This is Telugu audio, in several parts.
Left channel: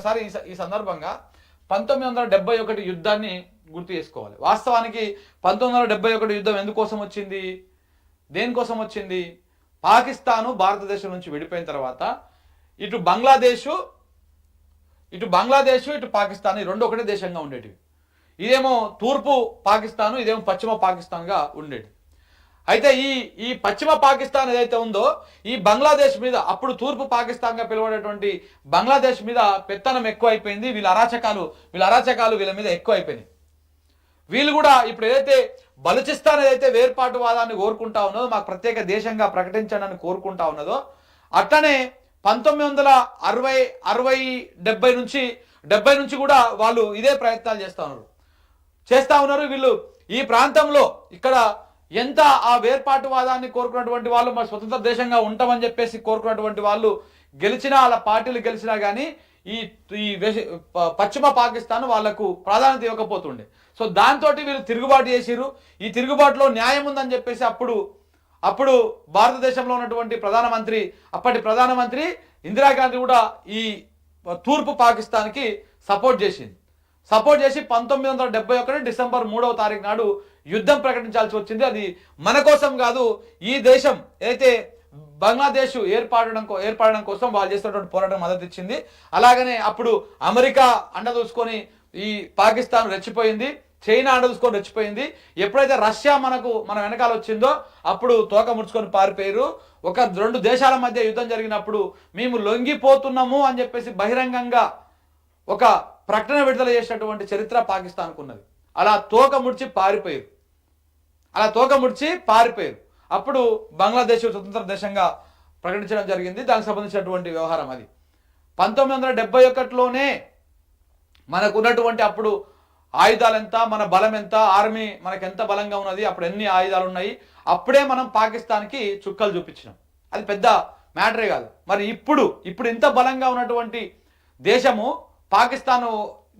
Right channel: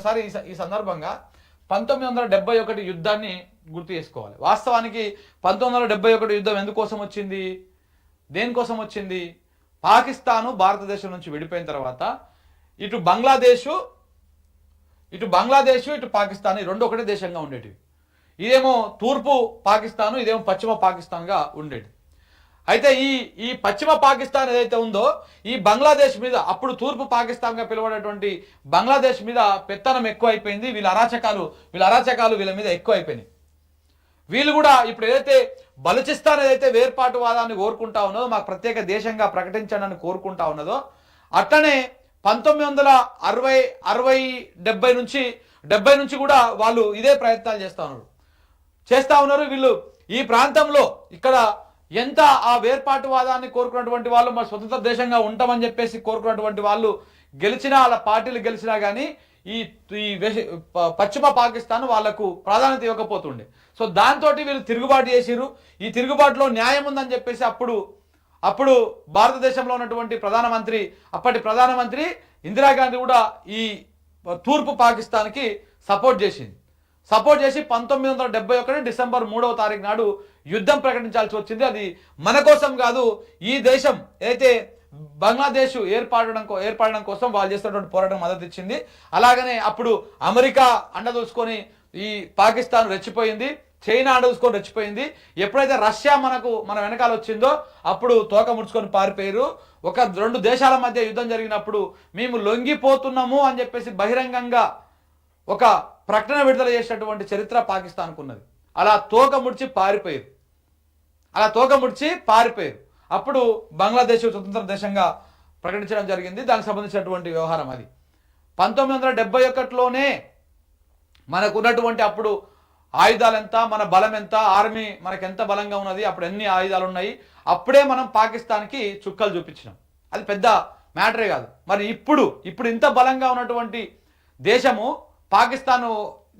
ఒకసారి ఈ సందర్భంగా 1971 యుద్ధాన్ని గుర్తు చేసుకోవాలి. వాస్తవానికి 1971 యుద్ధం ఎందుకోసం వచ్చింది, దేనికోసం వచ్చింది? పాకిస్తాను భారతదేశం నుంచి విడిపోయిన తర్వాత ఇటు బంగ్లాదేశ్ ఇటు పాకిస్తాన్ ఈ రెండు ఒకటే దేశంగా ఉండేటివి. ఇదేమో తూర్పు పాకిస్తాను, ఇదేమో పశ్చిమ పాకిస్తాన్గా ఉండేది. అయితే ఈ పశ్చిమ పాకిస్తాన్ ఏదైతే ఉందో ఈ బంగ్లాదేశ్ మీద, అప్పుడు తూర్పు పాకిస్తాన్గా పిలువడేటువంటి బంగ్లాదేశ్ మీద పెత్తనం ఎక్కువ అయిపోయింది. వీళ్ళ అరాచకాలు వీళ్ళ మీద ఎక్కువ అయిపోయినాయి. వీళ్ళు కూడా ఇప్పుడు ఏదైతే బలూచిస్తాన్ ఏదైతే వేర్పాటువాదాన్ని కోరుకుంటా ఉన్నదో, మాకు ప్రత్యేక దేశంగా ప్రకటించండి అని కోరుకుంటా ఉన్నదో, అట్లనే 1970 నుంచి కూడా వాళ్ళు ఇదే ప్రయత్నాలు చేస్తా ఉన్నారు. వీళ్ళు ఈ ప్రాంతంలో ఇక్కడ ఎంత ఆ వేర్పాటువాదాన్ని కోరుకున్నటువంటి వాళ్ళు, మా స్వతంత్ర దేశంగా ఉంటామని చెప్పేసి కోరుకున్నటువంటి వాళ్ళు గెలిచినా, వాళ్ళ పార్టీలు గెలిచినా కానీ ఈ పశ్చిమ పాకిస్తాన్ వాళ్లకు ప్రాధాన్యత ఇవ్వకపోతుండే. సో దాంతో వీళ్ళు తిరుగుబాటు చేసిరు. ఈ తిరుగుబాటులో న్యాయం ఉందని చెప్పేసి అప్పుడు భారతదేశంలో ఉన్నటువంటి అప్పటి ప్రధానమంత్రి ఇందిరాగాంధీ కూడా ఈ తూర్పు పాకిస్తాన్కి సపోర్ట్ చేసి 1971 డిసెంబర్ 3వ తారీఖు నాడు యుద్ధం ప్రకటించాల్సి వచ్చింది. అది మన కోసం కాదు, ఈ దేశం ఏదైతే బంగ్లాదేశ్ ఏర్పడడం కోసం వాళ్ళు చేస్తున్నటువంటి పోరాటం మద్దతు ఇచ్చింది. అలాగనే అప్పుడు అమెరికా అండదూసుకొని ఈ పాకిస్తాన్ రెచ్చిపోయింది, చైనా అండదూసుకొని రెచ్చిపోయింది. ఎప్పుడైతే రష్యా మన వెనకాల వచ్చిందో అప్పుడు తోక ముడుచుకొని పారిపోయారు. రెండు దేశాల మధ్య యుద్ధం జరిగినప్పుడు మేము లొంగిపోతున్నాము అని చెప్పేసి బహిరంగంగా ఒక ప్రకటన విడుదల చేసినటువంటి చరిత్ర పాకిస్తాన్కు ఉన్నది. అలా తోక ముడిచి పారిపోయారు. అప్పుడు బంగ్లాదేశ్ స్వతంత్ర దేశంగా ప్రకటించడం జరిగింది. దానికి సంబంధించినటువంటి వ్యవహారం అది. 1971లోనే మనకు ఉన్నటువంటి అప్పుడు ఆయుధాలు ఎంత, మన బలం ఎంత, ఆర్మీ మనకు ఎంత బలంగా ఉన్నది, అప్పుడు ఎన్ని ఆయుధాలు ఉన్నాయి, అప్పుడే మనం పాకిస్తాన్కి చుక్కలు చూపించినాం. అది పెద్ద మ్యాటరే కాదు. మరి ఇప్పుడు ఇంత బలంగా ఉన్నటువంటి దేశము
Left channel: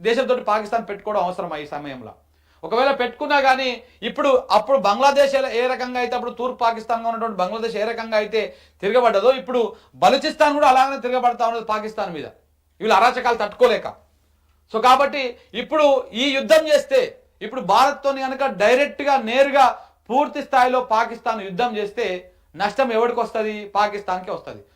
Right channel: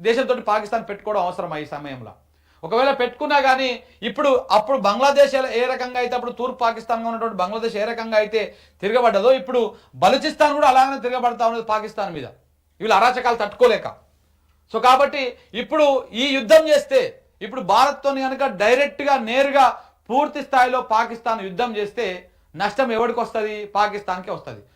దేశంతో పాకిస్తాన్ పెట్టుకోవడం అవసరమా ఈ సమయంలో? ఒకవేళ పెట్టుకున్నా కానీ అప్పుడు బంగ్లాదేశ్ ఏ రకంగా అయితే, అప్పుడు తూర్పు పాకిస్తాన్గా ఉన్నటువంటి బంగ్లాదేశ్ ఏ రకంగా అయితే తిరగబడ్డదో, ఇప్పుడు బలూచిస్తాన్ కూడా అలాగనే తిరగబడతా ఉన్నది పాకిస్తాన్ మీద, వీళ్ళ అరాచకాలు తట్టుకోలేక. సో కాబట్టి ఇప్పుడు ఈ యుద్ధం చేస్తే, ఇప్పుడు భారత్తో కనుక డైరెక్ట్గా నేరుగా పూర్తి స్థాయిలో పాకిస్తాన్ యుద్ధం చేస్తే నష్టం ఎవరికి వస్తుంది? పాకిస్తాన్కే వస్తుంది.